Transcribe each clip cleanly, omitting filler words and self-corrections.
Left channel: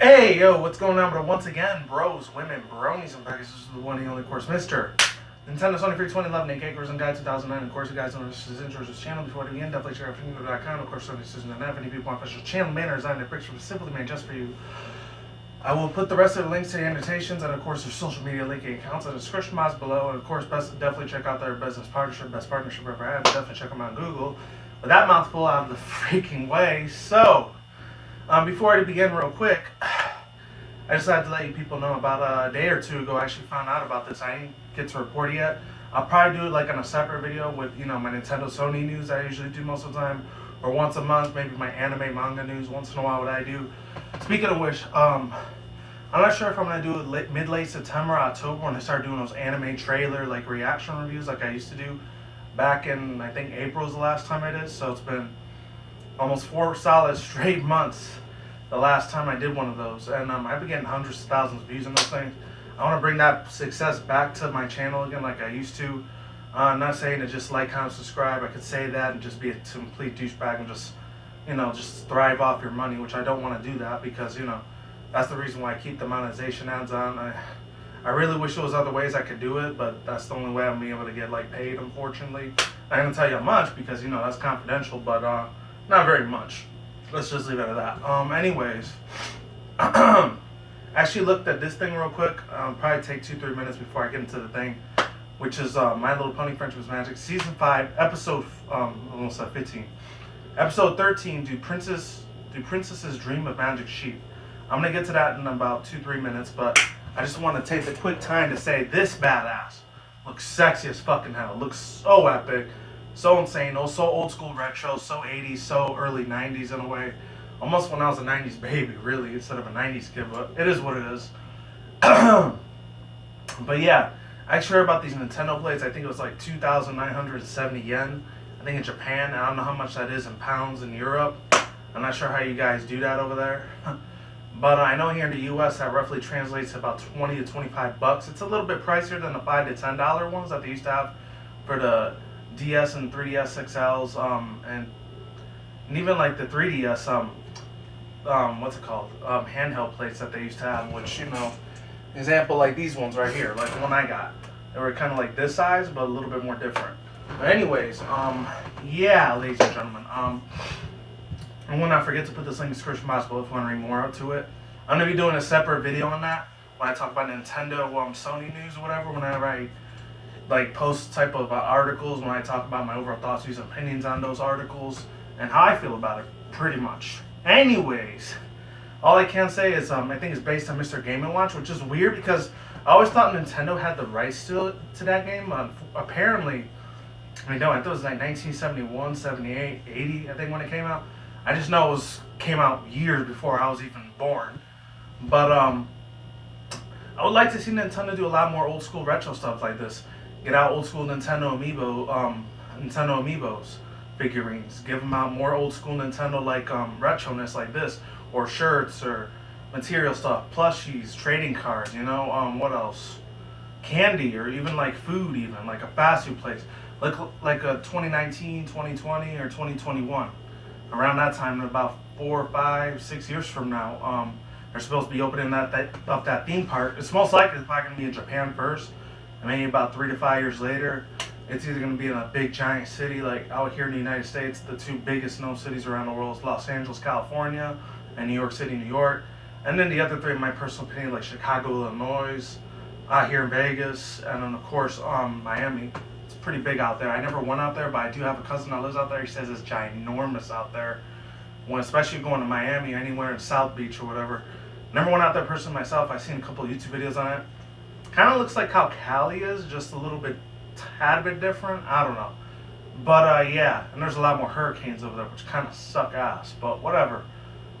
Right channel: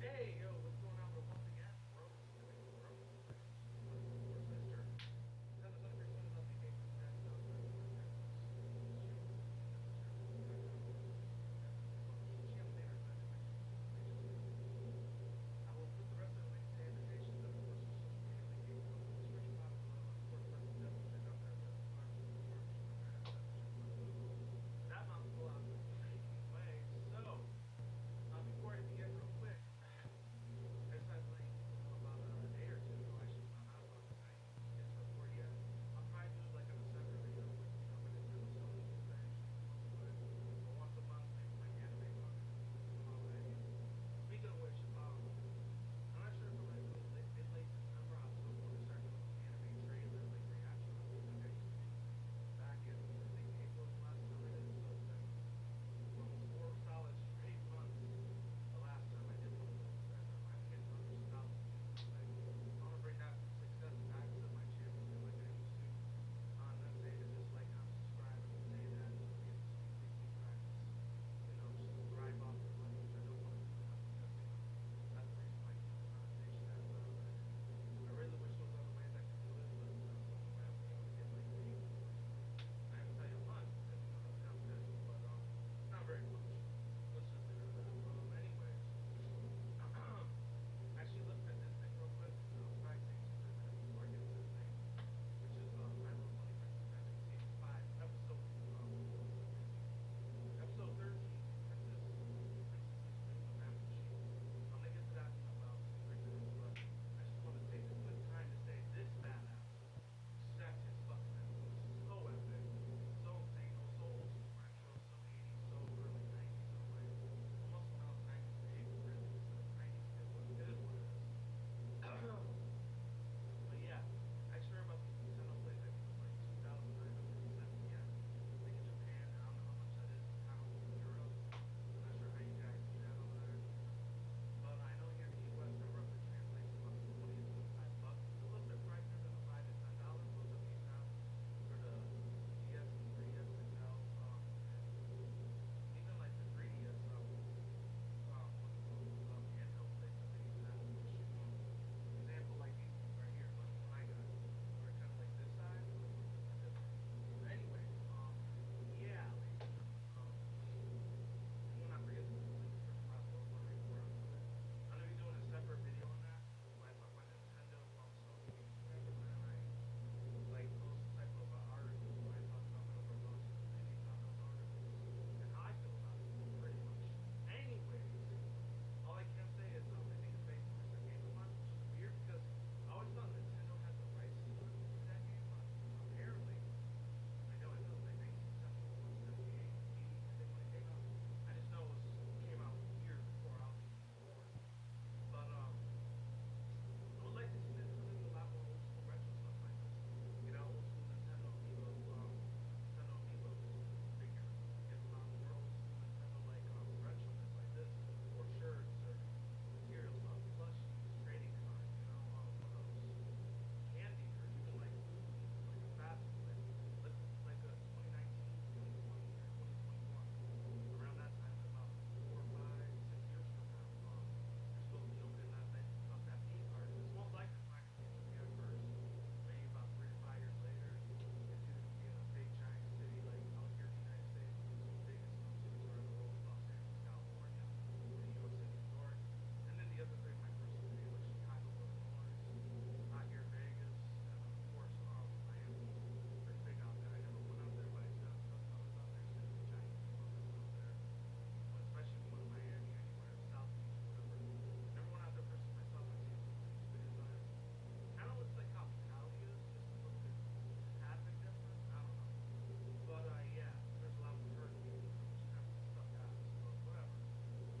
Hey, yo, what's going on? But once again, bros, women, bronies, and pegasisters, this is the one and only course, Mr. Nintendo Sony Free 2011, aka Course and Guide 2009. Of course, you guys know this is intro to this channel. Before we begin, definitely check out Fingo.com. Of course, Sony Decision and any people want official channel banner designed and picture specifically made just for you. I will put the rest of the links to the annotations and, of course, their social media linking accounts in the description box below. And, of course, definitely check out their business partnership, best partnership ever had. Definitely check them out on Google. With that mouthful out of the freaking way, so before I begin, real quick. I decided to let you people know about a day or two ago. I actually found out about this. I didn't get to report it yet. I'll probably do it like on a separate video with, my Nintendo Sony news I usually do most of the time, or once a month, maybe my anime manga news once in a while. What I do. Speaking of which, I'm not sure if I'm gonna do it mid-late September, October when I start doing those anime trailer like reaction reviews like I used to do back in I think April was the last time I did. So it's been almost 4 solid straight months the last time I did one of those, and I've been getting hundreds of thousands of views on those things. I want to bring that success back to my channel again like I used to. I'm not saying to just like, comment, subscribe. I could say that and just be a complete douchebag and just thrive off your money, which I don't want to do that because, that's the reason why I keep the monetization ads on. I really wish there was other ways I could do it, but that's the only way I'm being able to get paid, unfortunately. I'm going to tell you how much because, that's confidential, but not very much. Let's just leave it at that. Anyways, actually looked at this thing real quick. Probably take 2-3 minutes before I get into the thing, which is My Little Pony Friendship is Magic, Season 5, Episode, almost at 15. Episode 13, Do Princesses Dream of Magic Sheep? I'm going to get to that in about 2-3 minutes, but I just want to take the quick time to say this badass looks sexy as fucking hell. Looks so epic. So insane, so old school retro, so 80s, so early 90s in a way. Almost when I was a 90s baby, really, instead of a 90s kid, but it is what it is. But yeah, I actually heard about these Nintendo plates. I think it was like 2,970 yen. I think in Japan. I don't know how much that is in pounds in Europe. I'm not sure how you guys do that over there. But I know here in the US that roughly translates to about 20 to 25 bucks. It's a little bit pricier than the $5 to $10 ones that they used to have for the DS and 3DS XLs, and even like the 3DS, what's it called, handheld plates that they used to have, which, example like these ones right here, like the one I got. They were kind of like this size, but a little bit more different. But anyways, yeah, ladies and gentlemen, I will not forget to put this link in the description box below if you want to read more up to it. I'm going to be doing a separate video on that when I talk about Nintendo, Sony news or whatever, whenever I post type of articles, when I talk about my overall thoughts, views, and opinions on those articles, and how I feel about it, pretty much. Anyways, all I can say is I think it's based on Mr. Game & Watch, which is weird because I always thought Nintendo had the rights to that game. Apparently, I thought it was like 1971, 78, 80, I think when it came out. I just know it came out years before I was even born. But I would like to see Nintendo do a lot more old school retro stuff like this. Get out old school Nintendo Amiibos figurines. Give them out more old school Nintendo retroness like this, or shirts or material stuff, plushies, trading cards. What else? Candy or even food, even like a fast food place, like a 2019, 2020, or 2021. Around that time, in about 4, 5, 6 years from now, they're supposed to be opening that theme park. It's most likely probably going to be in Japan first. And maybe about 3 to 5 years later, it's either going to be in a big giant city like out here in the United States. The 2 biggest known cities around the world is Los Angeles, California, and New York City, New York. And then the other 3, in my personal opinion, like Chicago, Illinois, out here in Vegas, and then of course Miami. It's pretty big out there. I never went out there, but I do have a cousin that lives out there. He says it's ginormous out there. Especially going to Miami or anywhere in South Beach or whatever. Never went out there personally myself. I've seen a couple of YouTube videos on it. Kind of looks like how Cali is, just a little bit, tad bit different. I don't know. But yeah, and there's a lot more hurricanes over there, which kind of suck ass. But whatever.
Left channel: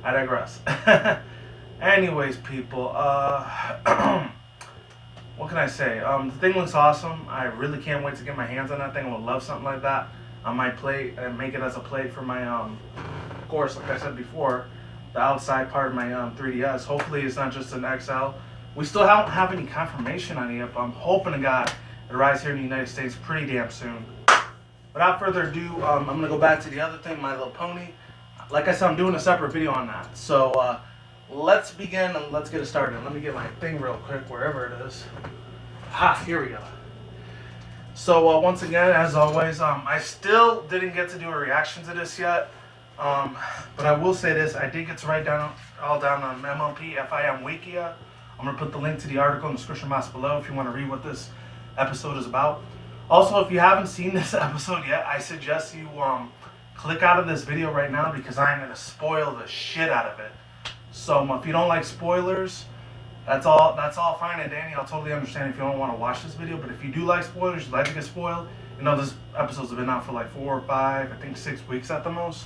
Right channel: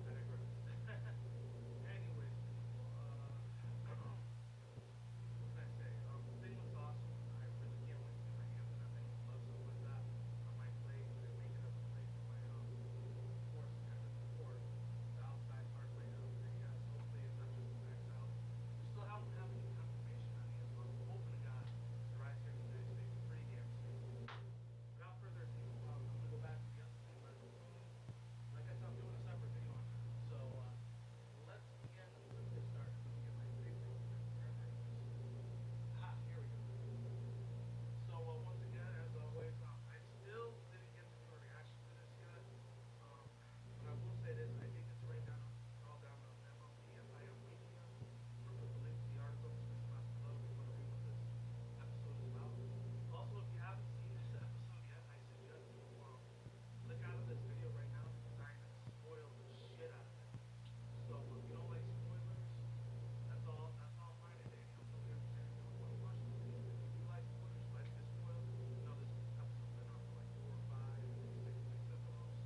I digress. Anyways, people, what can I say? The thing looks awesome. I really can't wait to get my hands on that thing. I would love something like that on my plate and make it as a plate for my, of course, like I said before, the outside part of my 3DS. Hopefully it's not just an XL. We still don't have any confirmation on it yet, but I'm hoping to God it arrives here in the United States pretty damn soon. Without further ado, I'm going to go back to the other thing, My Little Pony. Like I said, I'm doing a separate video on that. So let's begin and let's get it started. Let me get my thing real quick, wherever it is. Here we go. So once again, as always, I still didn't get to do a reaction to this yet. But I will say this, I did get to write down all down on MLP FIM Wikia. I'm going to put the link to the article in the description box below if you want to read what this episode is about. Also, if you haven't seen this episode yet, I suggest you click out of this video right now because I'm going to spoil the shit out of it. So if you don't like spoilers, that's all fine and dandy. I'll totally understand if you don't want to watch this video. But if you do like spoilers, you'd like to get spoiled, you know this episode's been out for like 4 or 5, I think 6 weeks at the most.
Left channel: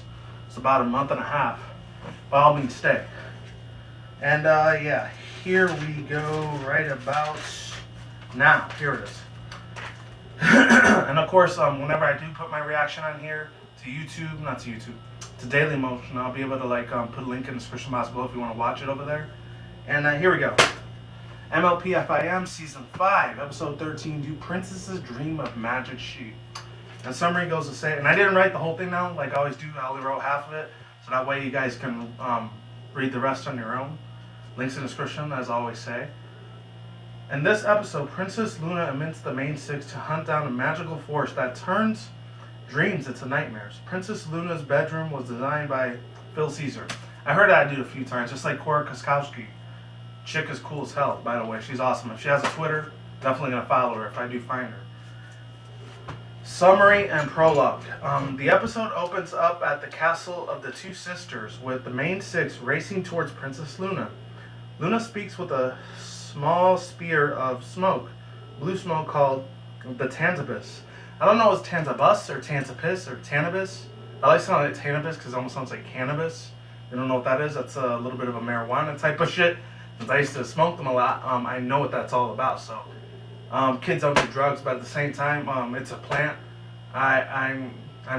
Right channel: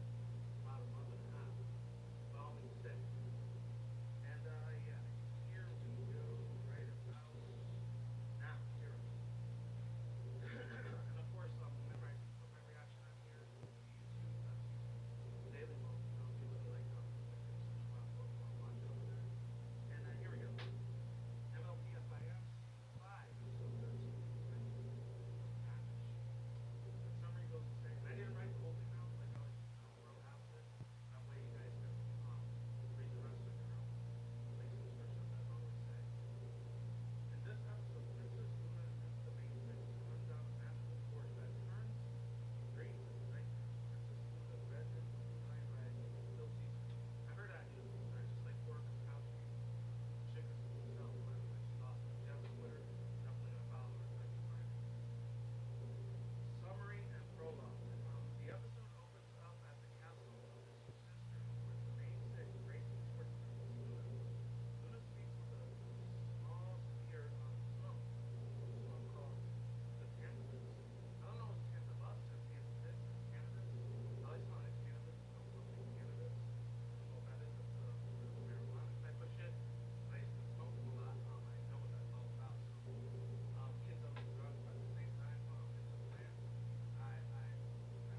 It's about a month and a half. By all means, stay. And yeah, here we go right about now. Here it is. And of course, whenever I do put my reaction on here to YouTube, not to YouTube, to Daily Motion, I'll be able to like put a link in the description box below if you want to watch it over there. And here we go. MLP FIM Season 5, Episode 13, Do Princesses Dream of Magic Sheep? And summary goes to say, and I didn't write the whole thing down like I always do, I only wrote half of it, so that way you guys can read the rest on your own. Links in the description, as I always say. In this episode, Princess Luna admits the main six to hunt down a magical force that turns dreams into nightmares. Princess Luna's bedroom was designed by Phil Caesar. I heard that dude a few times, just like Cora Koskowski. Chick is cool as hell, by the way. She's awesome. If she has a Twitter, definitely going to follow her if I do find her. Summary and prologue. The episode opens up at the castle of the two sisters with the main six racing towards Princess Luna. Luna speaks with a small spear of smoke, blue smoke called the Tantabus. I don't know if it's Tantabus or Tantapis or Tanabis. I like saying it Tanabis because it almost sounds like cannabis. You don't know what that is? That's a little bit of a marijuana type of shit. Since I used to smoke them a lot, I know what that's all about. So kids don't do drugs, but at the same time, it's a plant. I'm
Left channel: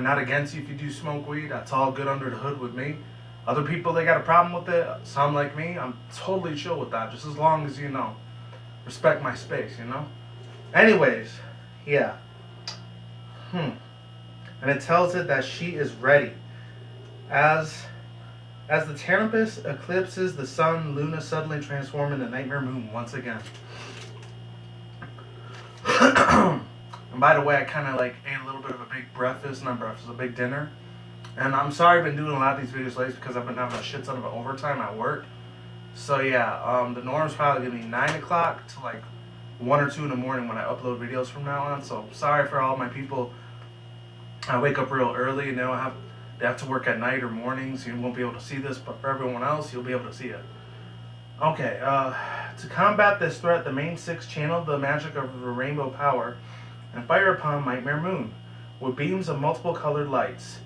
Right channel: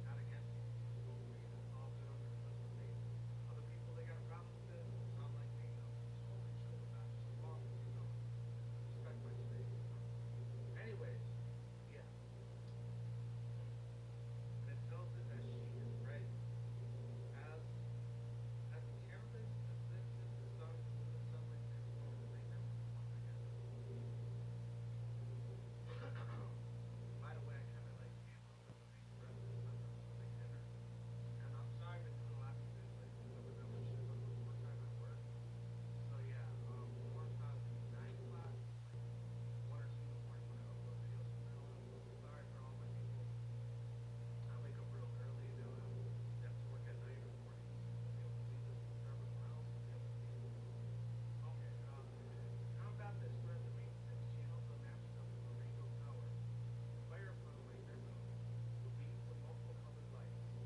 not against you if you do smoke weed. That's all good under the hood with me. Other people, they got a problem with it. Some like me, I'm totally chill with that. Just as long as, you know, respect my space, you know? Anyways, yeah. And it tells it that she is ready. As the Tanabus eclipses the sun, Luna suddenly transforms into Nightmare Moon once again. And by the way, I kind of like ate a little bit of a big breakfast, not breakfast, a big dinner. And I'm sorry I've been doing a lot of these videos late because I've been having a shit ton of overtime at work. So yeah, the norm's probably going to be 9 o'clock to like 1 or 2 in the morning when I upload videos from now on. So sorry for all my people. I wake up real early and they have to work at night or mornings. You won't be able to see this, but for everyone else, you'll be able to see it. Okay, to combat this threat, the main six channeled the magic of the rainbow power and fire upon Nightmare Moon with beams of multiple colored lights.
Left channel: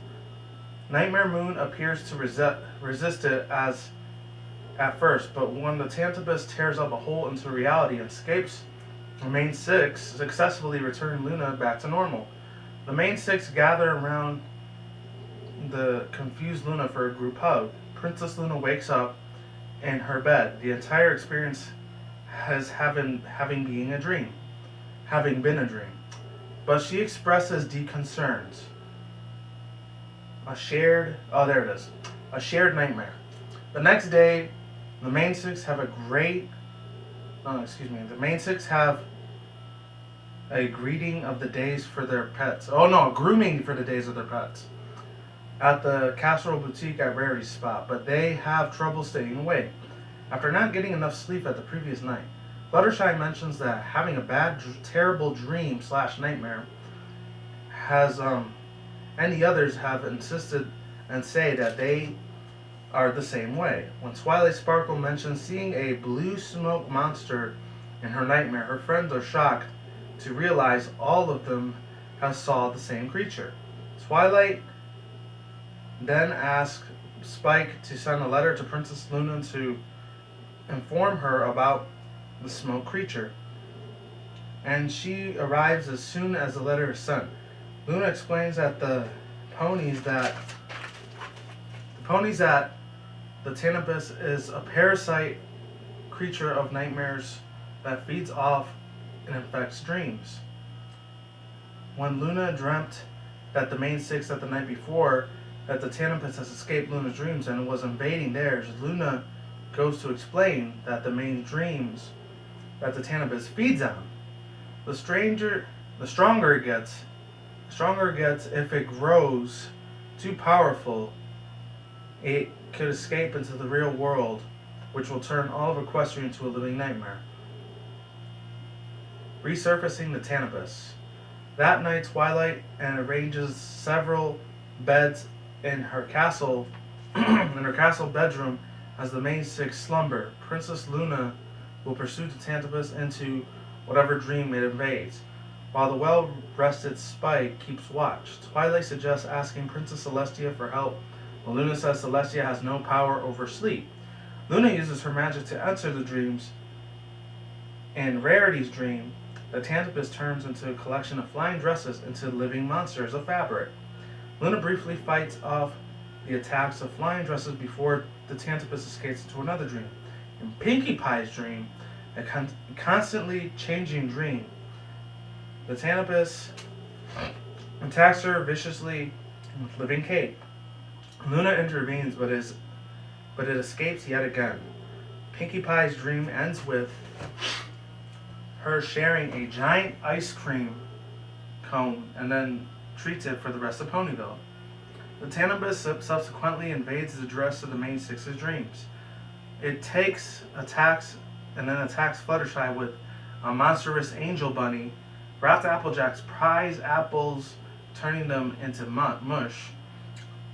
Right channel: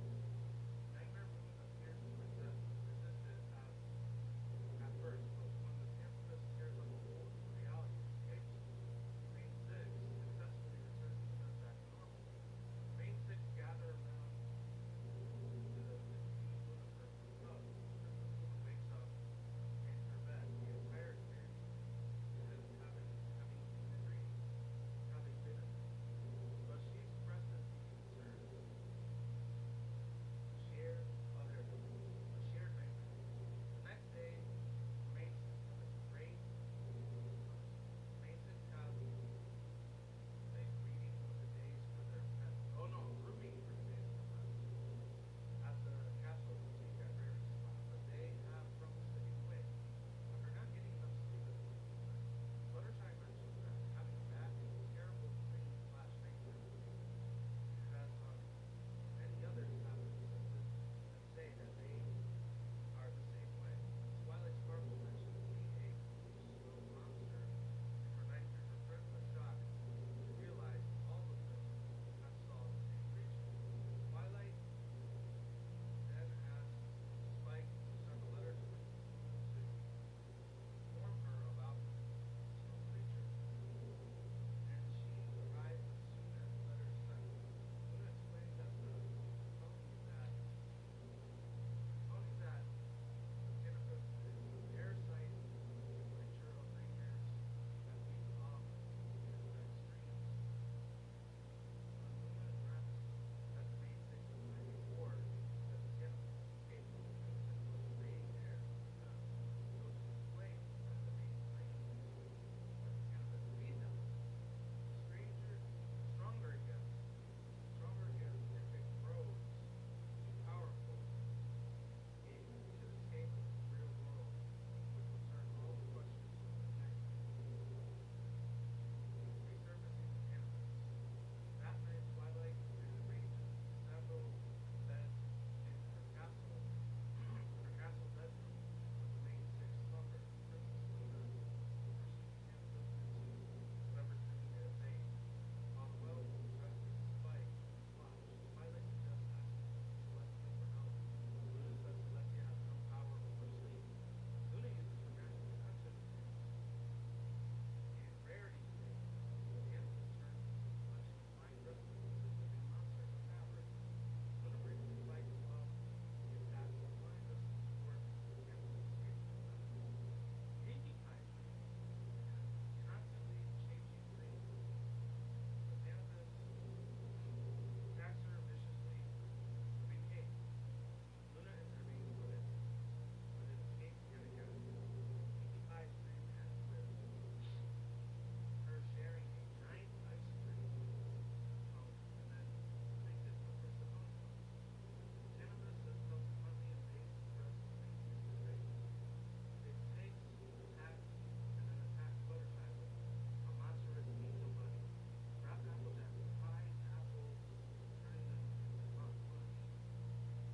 Nightmare Moon appears to resist it at first, but when the Tantabus tears up a hole into reality and escapes, the main six successfully return Luna back to normal. The main six gather around the confused Luna for a group hug. Princess Luna wakes up in her bed. The entire experience has having been a dream. But she expresses deep concerns. A shared nightmare. The next day, the main six have a greeting of the days for their pets. Grooming for the days of their pets. At the Casserole Boutique at Rary's spot, but they have trouble staying awake. After not getting enough sleep at the previous night, Fluttershy mentions that having a terrible dream / nightmare has, and the others have insisted and say that they are the same way. When Twilight Sparkle mentions seeing a blue smoke monster in her nightmare, her friends are shocked to realize all of them have saw the same creature. Twilight then asks Spike to send a letter to Princess Luna to inform her about the smoke creature, and she arrives as soon as the letter is sent. Luna explains that the ponies that the Tanabus is a parasite creature of nightmares that feeds off and infects dreams. When Luna dreamt that the main six at the night before that the Tanabus has escaped Luna's dreams and was invading theirs, Luna goes to explain that the main dreams that the Tanibus feeds on. The stronger it gets if it grows too powerful, it could escape into the real world, which will turn all of Equestria into a living nightmare. Resurfacing the Tanibus. That night, Twilight and arranges several beds in her castle bedroom as the main six slumber. Princess Luna will pursue the Tanibus into whatever dream it invades, while the well-rested Spike keeps watch. Twilight suggests asking Princess Celestia for help, while Luna says Celestia has no power over sleep. Luna uses her magic to enter the dreams. In Rarity's dream, the Tanibus turns into a collection of flying dresses into living monsters of fabric. Luna briefly fights off the attacks of flying dresses before the Tanibus escapes into another dream. In Pinkie Pie's dream, a constantly changing dream, the Tanibus attacks her viciously with living cake. Luna intervenes, but it escapes yet again. Pinkie Pie's dream ends with her sharing a giant ice cream cone and then treats it for the rest of Ponyville. The Tanibus subsequently invades the rest of the main six's dreams. It attacks Fluttershy with a monstrous angel bunny, wrapped Applejack's prize apples, turning them into mush.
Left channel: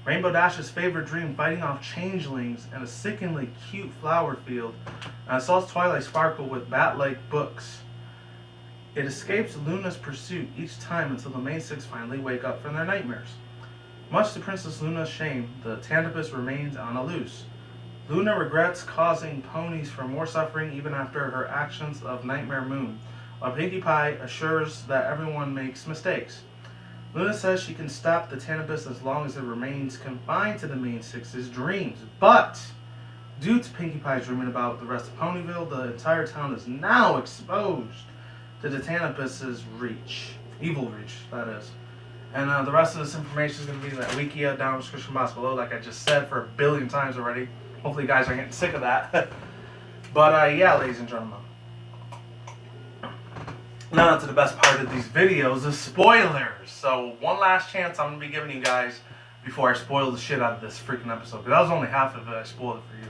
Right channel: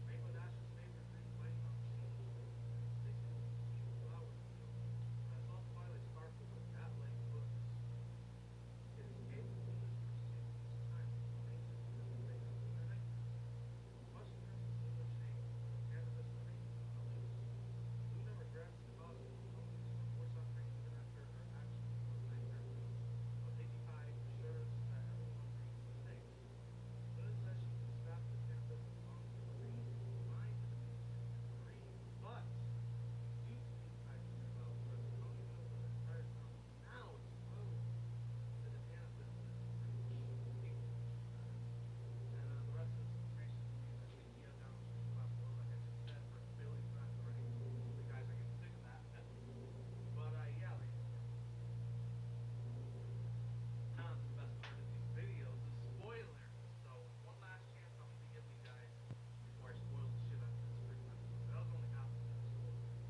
Rainbow Dash's favorite dream, fighting off changelings in a sickeningly cute flower field, and assaults Twilight Sparkle with bat-like books. It escapes Luna's pursuit each time until the main six finally wake up from their nightmares. Much to Princess Luna's shame, the Tanibus remains on the loose. Luna regrets causing ponies for more suffering even after her actions of Nightmare Moon, while Pinkie Pie assures that everyone makes mistakes. Luna says she can stop the Tanibus as long as it remains confined to the main six's dreams, but due to Pinkie Pie's dreaming about the rest of Ponyville, the entire town is now exposed to the Tanibus's evil reach, that is. And the rest of this information is going to be in that Wikia down in the description box below, like I just said for a billion times already. Hopefully you guys are getting sick of that. But yeah, ladies and gentlemen. Now to the best part of these videos, the spoilers. So one last chance I'm going to be giving you guys before I spoil the shit out of this freaking episode. Because that was only half of it, I spoiled it for you.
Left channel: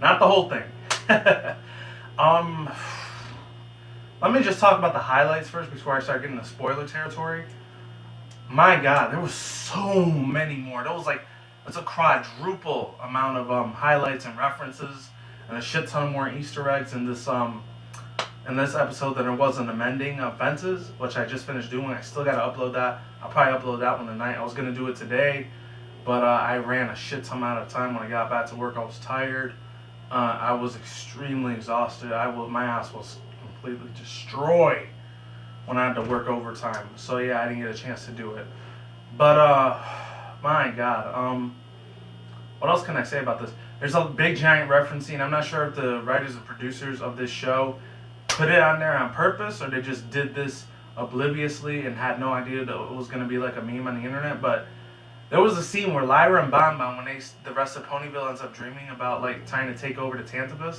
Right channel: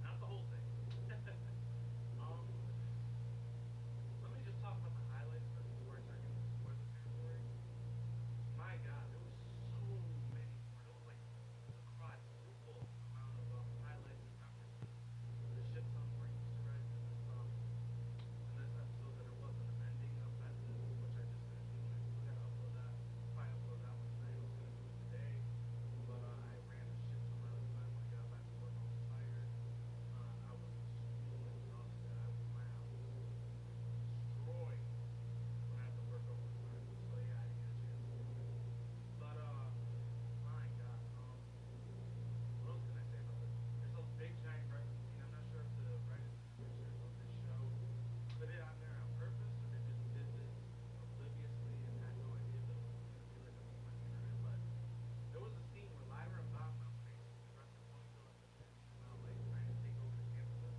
Not the whole thing. Let me just talk about the highlights first before I start getting the spoiler territory. My God, there was so many more. There was like, it's a quadruple amount of highlights and references, and a shit ton more Easter eggs in this episode than there was in Amending Fences, which I just finished doing. I still gotta upload that. I'll probably upload that one tonight. I was gonna do it today, but I ran a shit ton amount of time when I got back to work. I was tired. I was extremely exhausted. My ass was completely destroyed when I had to work overtime. So yeah, I didn't get a chance to do it. But my God, what else can I say about this? There's a big giant referencing. I'm not sure if the writers and producers of this show put it on there on purpose or they just did this obliviously and had no idea that it was going to be like a meme on the internet. But there was a scene where Lyra and Bonbon, when the rest of Ponyville ends up dreaming about like trying to take over the Tanibus,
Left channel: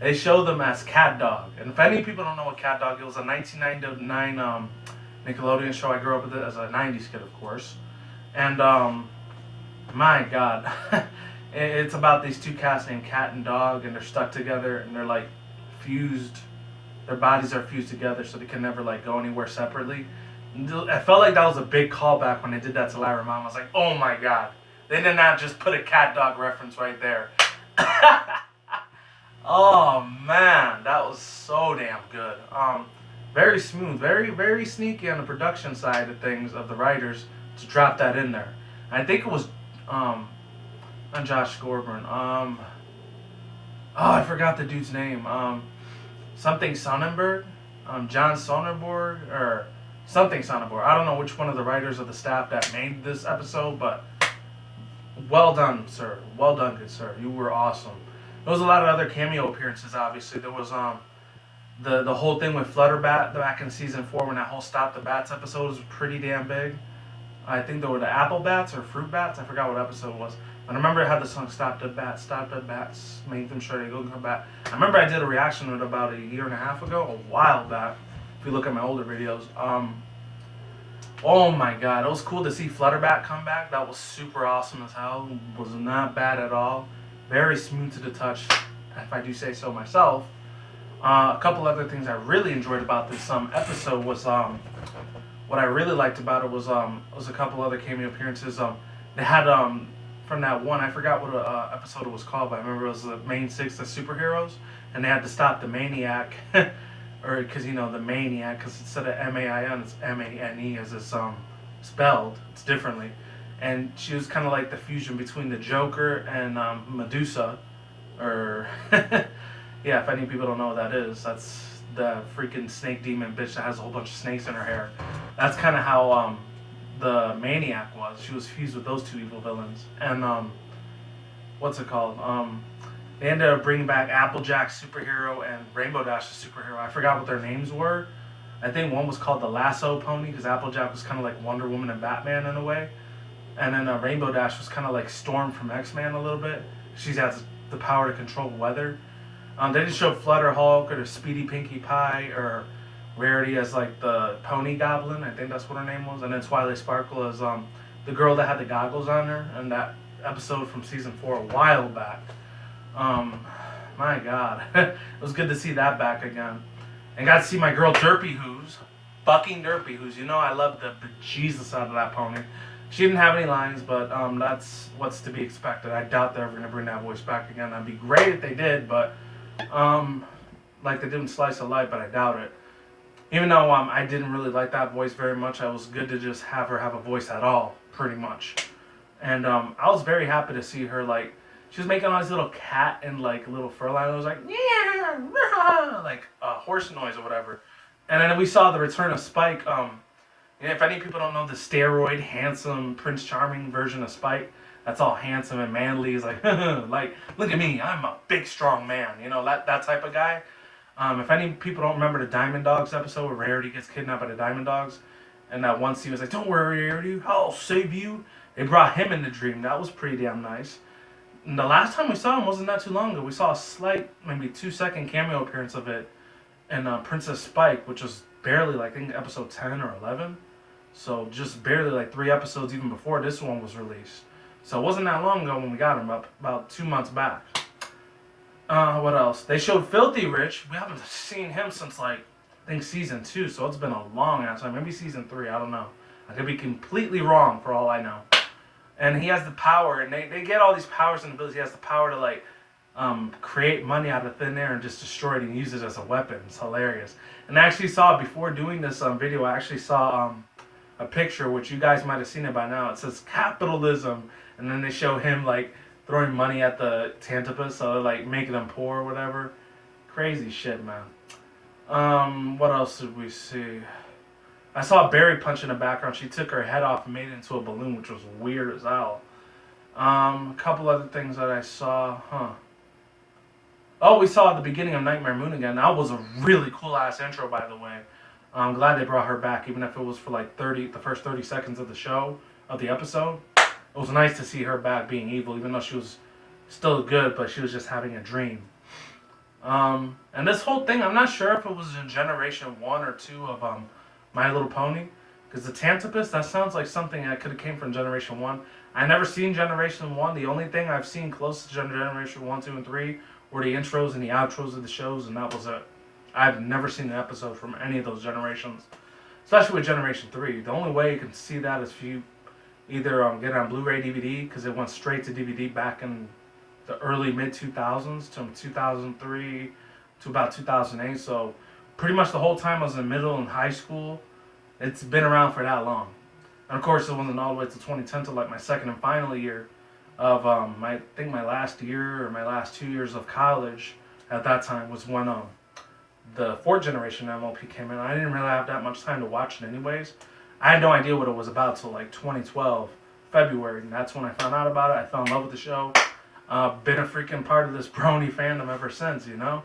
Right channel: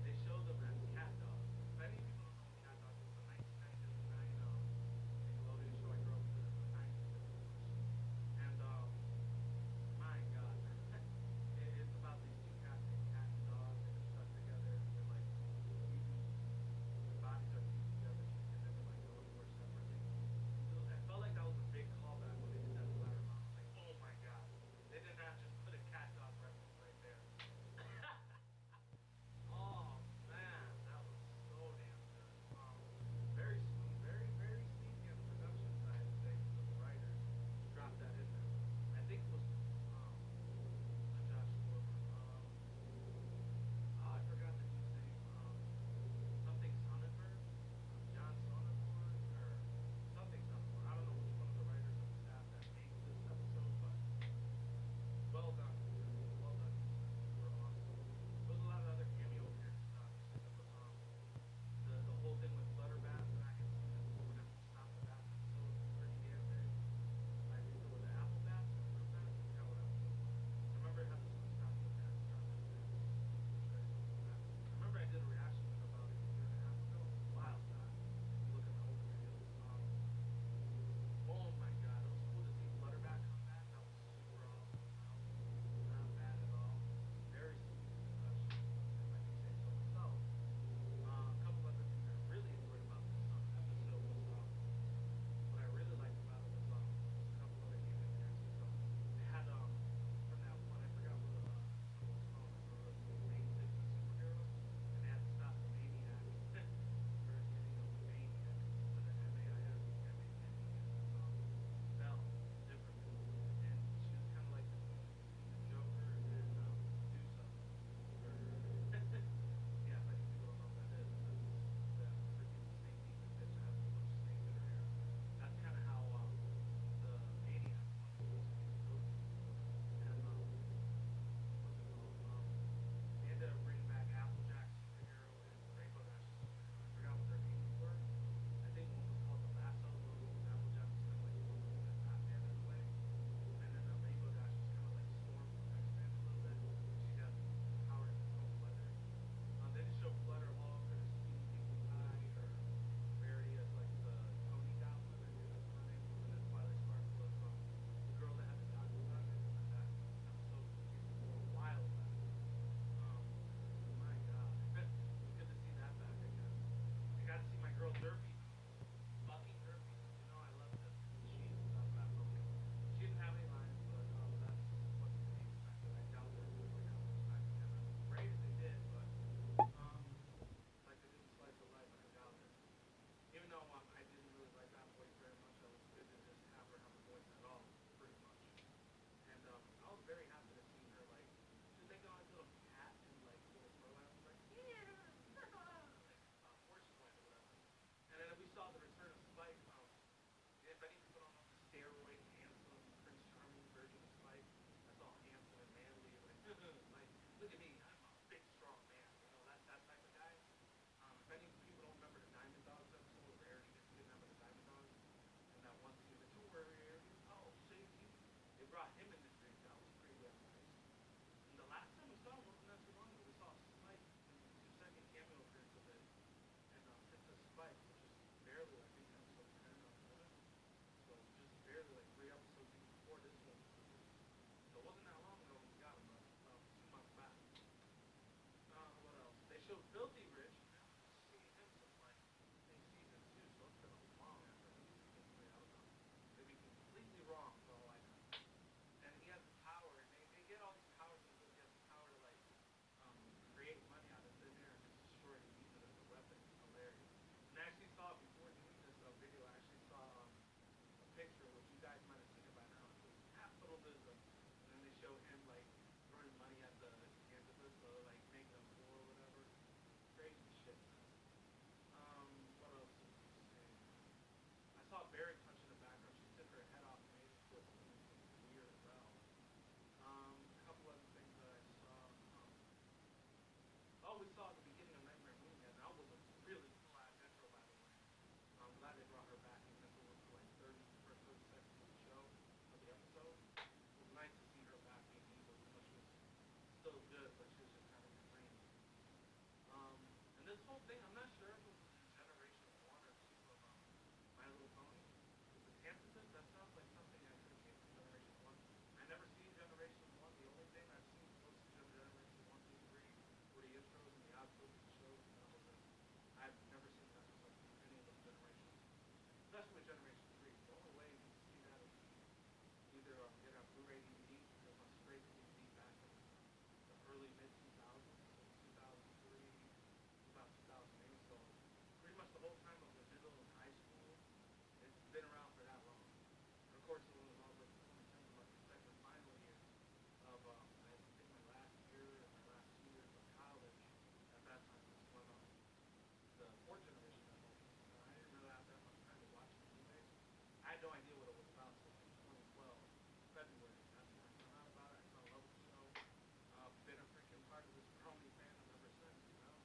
they show them as Cat Dog. And if any people don't know what Cat Dog is, it was a 1999 Nickelodeon show. I grew up with it as a 90s kid, of course. And my God, it's about these two cats named Cat and Dog, and they're stuck together, and they're like fused. Their bodies are fused together, so they can never like go anywhere separately. I felt like that was a big callback when they did that to Lyra Mom. I was like, oh my God, they did not just put a Cat Dog reference right there. Oh man, that was so damn good. Very smooth, very, very sneaky on the production side of things of the writers to drop that in there. And I think it was not Josh Scorburn. I forgot the dude's name. Something Sonnenberg, John Sonnenberg or something Sonnenberg. I don't know which one of the writers of the staff that made this episode, but well done, sir. Well done, good sir. You were awesome. There was a lot of other cameo appearances, obviously. There was the whole thing with Flutterbat back in season 4 when that whole Stop the Bats episode was pretty damn big. I think there were the apple bats or fruit bats. I forgot what episode it was. And I remember it had the song Stop the Bats, make them sure they go come back. I remember I did a reaction to it about a year and a half ago, a while back, if you look at my older videos. Oh my god, it was cool to see Flutterbat come back. That was super awesome as hell. Was not bad at all. Very smooth to the touch, if I do say so myself. A couple other things I really enjoyed about this episode was what I really liked about it was a couple other cameo appearances. They had from that one, I forgot what episode it was called, but I remember it was the main six, the superheroes, and they had to stop the maniac, or because the maniac, because instead of M-A-I-N, it's M-A-N-E as it's spelled, it's differently, and she was kind of like the fusion between the Joker and Medusa, or yeah, if any people don't know what that is, that's the freaking snake demon bitch that has a whole bunch of snakes in her hair. That's kind of how the maniac was. She was fused with those two evil villains. And what's it called? They ended up bringing back Applejack's superhero and Rainbow Dash's superhero. I forgot what their names were. I think one was called the Lasso Pony because Applejack was kind of like Wonder Woman and Batman in a way. And then Rainbow Dash was kind of like Storm from X-Men a little bit. She has the power to control weather. They didn't show Flutter Hulk or the Speedy Pinkie Pie or Rarity as like the Pony Goblin. I think that's what her name was. And then Twilight Sparkle as the girl that had the goggles on her in that episode from season 4 a while back. My God, it was good to see that back again. And got to see my girl Derpy Who's, fucking Derpy Who's. I love the bejesus out of that pony. She didn't have any lines, but that's what's to be expected. I doubt they're ever going to bring that voice back again. That'd be great if they did, but like they did in Slice of Life, but I doubt it. Even though I didn't really like that voice very much, it was good to just have her have a voice at all, pretty much. And I was very happy to see her, like, she was making all these little cat and, like, little fur line. It was like, yeah, like a horse noise or whatever. And then we saw the return of Spike. If any people don't know, the steroid, handsome, Prince Charming version of Spike, that's all handsome and manly. He's like, like, look at me, I'm a big, strong man. That type of guy. If any people don't remember the Diamond Dogs episode where Rarity gets kidnapped by the Diamond Dogs, and that one scene was like, don't worry, Rarity, I'll save you. They brought him in the dream. That was pretty damn nice. And the last time we saw him wasn't that too long ago. We saw a slight, maybe 2-second cameo appearance of it in Princess Spike, which was barely, like, I think episode 10 or 11. So just barely, like, 3 episodes even before this one was released. So it wasn't that long ago when we got him, about 2 months back. What else? They showed Filthy Rich. We haven't seen him since, like, I think season 2, so it's been a long ass time. Maybe season 3, I don't know. I could be completely wrong for all I know. And he has the power, and they get all these powers and abilities. He has the power to, like, create money out of thin air and just destroy it and use it as a weapon. It's hilarious. And I actually saw, before doing this video, I actually saw a picture, which you guys might have seen it by now. It says capitalism, and then they show him, like, throwing money at the Tantipus, so like making them poor or whatever. Crazy shit, man. What else did we see? I saw Barry punch in the background. She took her head off and made it into a balloon, which was weird as hell. A couple other things that I saw, Oh, we saw at the beginning of Nightmare Moon again. That was a really cool ass intro, by the way. I'm glad they brought her back, even if it was for like the first 30 seconds of the show, of the episode. It was nice to see her back being evil, even though she was still good, but she was just having a dream. And this whole thing, I'm not sure if it was in Generation 1 or 2 of My Little Pony, because the Tantipus, that sounds like something that could have came from Generation 1. I never seen Generation 1. The only thing I've seen close to Generation 1, 2, and 3 were the intros and the outros of the shows, and that was it. I've never seen an episode from any of those generations, especially with Generation 3. The only way you can see that is if you either get it on Blu-ray DVD, because it went straight to DVD back in the early mid-2000s to 2003 to about 2008. So pretty much the whole time I was in middle and high school, it's been around for that long. And of course it wasn't all the way to 2010 to like my second and final year of I think my last year or my last 2 years of college at that time was when the 4th generation MLP came in. I didn't really have that much time to watch it anyways. I had no idea what it was about till like 2012, February, and that's when I found out about it. I fell in love with the show. Been a freaking part of this brony fandom ever since, you know?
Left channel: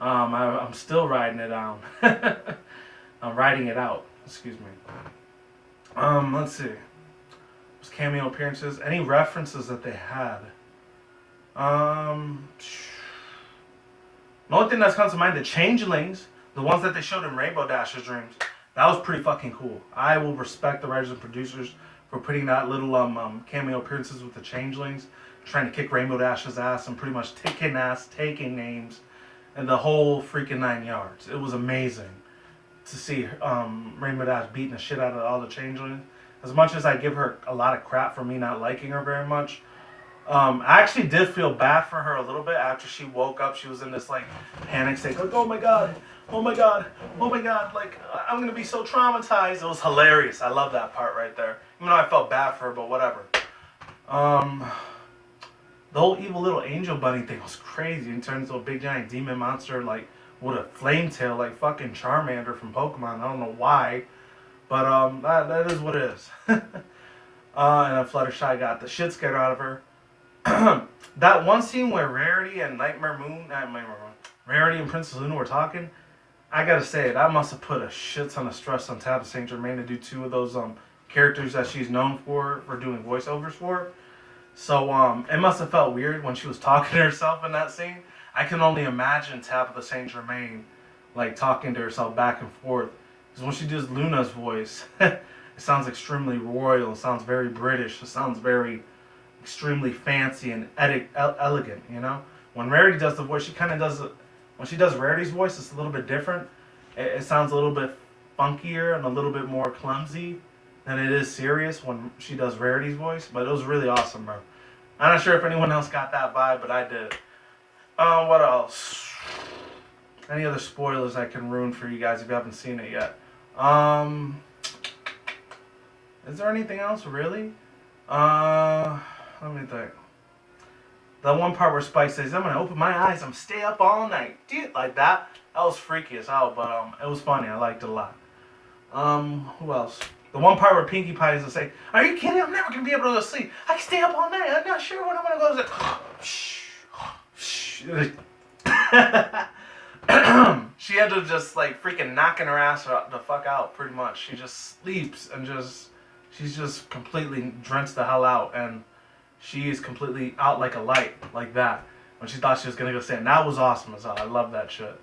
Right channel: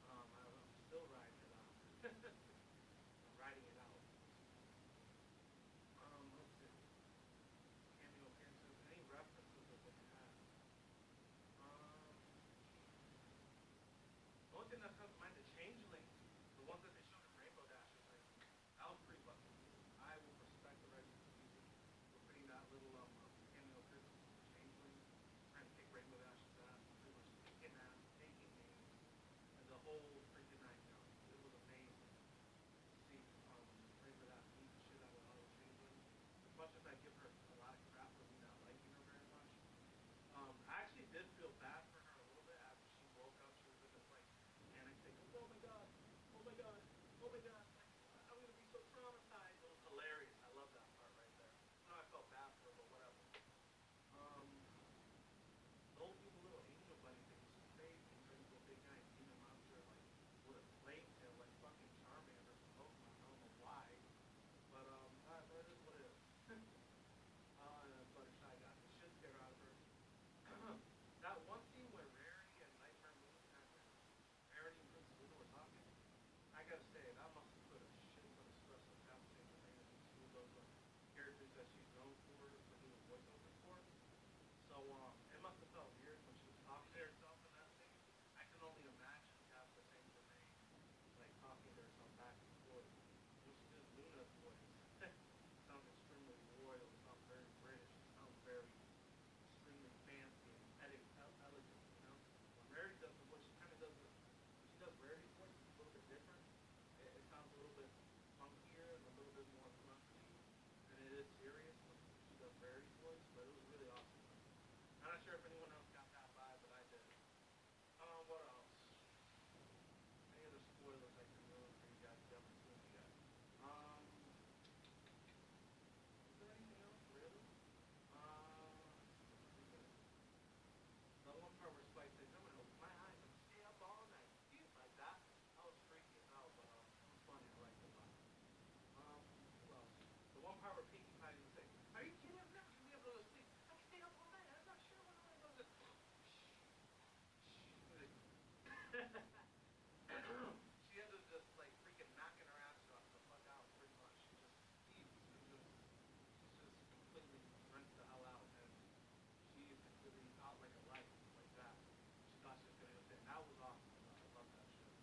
I'm still riding it out. I'm riding it out, excuse me. Let's see. cameo appearances, any references that they had. The only thing that's comes to mind, the changelings, the ones that they showed in Rainbow Dash's dreams, that was pretty fucking cool. I will respect the writers and producers for putting that little cameo appearances with the changelings, trying to kick Rainbow Dash's ass and pretty much taking names, and the whole freaking 9 yards. It was amazing to see Rainbow Dash beating the shit out of all the changelings. As much as I give her a lot of crap for me not liking her very much, I actually did feel bad for her a little bit after she woke up. She was in this like panic state, like, oh my god, oh my god, oh my god, like I'm gonna be so traumatized. It was hilarious. I love that part right there. Even though I felt bad for her, but whatever. The whole evil little angel bunny thing was crazy. It turns into a big giant demon monster like with a flame tail, like fucking Charmander from Pokemon. I don't know why, but that is what it is. And then Fluttershy got the shit scared out of her. That one scene where Rarity and Rarity and Princess Luna were talking, I gotta say, that must have put a shit ton of stress on Tabitha St. Germain to do two of those characters that she's known for doing voiceovers for. So it must have felt weird when she was talking to herself in that scene. I can only imagine Tabitha St. Germain like talking to herself back and forth. Because when she does Luna's voice, it sounds extremely royal. It sounds very British. It sounds very extremely fancy and elegant, you know? When Rarity does the voice, she kind of does it. When she does Rarity's voice, it's a little bit different. It sounds a little bit funkier and a little bit more clumsy than it is serious when she does Rarity's voice. But it was really awesome, bro. I'm not sure if anyone else got that vibe, but I did. What else? Any other spoilers I can ruin for you guys if you haven't seen it yet? Is there anything else, really? Let me think. The one part where Spike says, I'm gonna open my eyes, I'm stay up all night. Dude, like that. That was freaky as hell, but it was funny. I liked it a lot. Who else? The one part where Pinkie Pie is to say, are you kidding? I'm never gonna be able to go to sleep. I can stay up all night. I'm not sure when I'm gonna go to sleep. She ended up just like freaking knocking her ass the fuck out, pretty much. She just sleeps and she's just completely drenched the hell out, and she is completely out like a light, like that, when she thought she was gonna go stand. That was awesome as hell. I love that shit.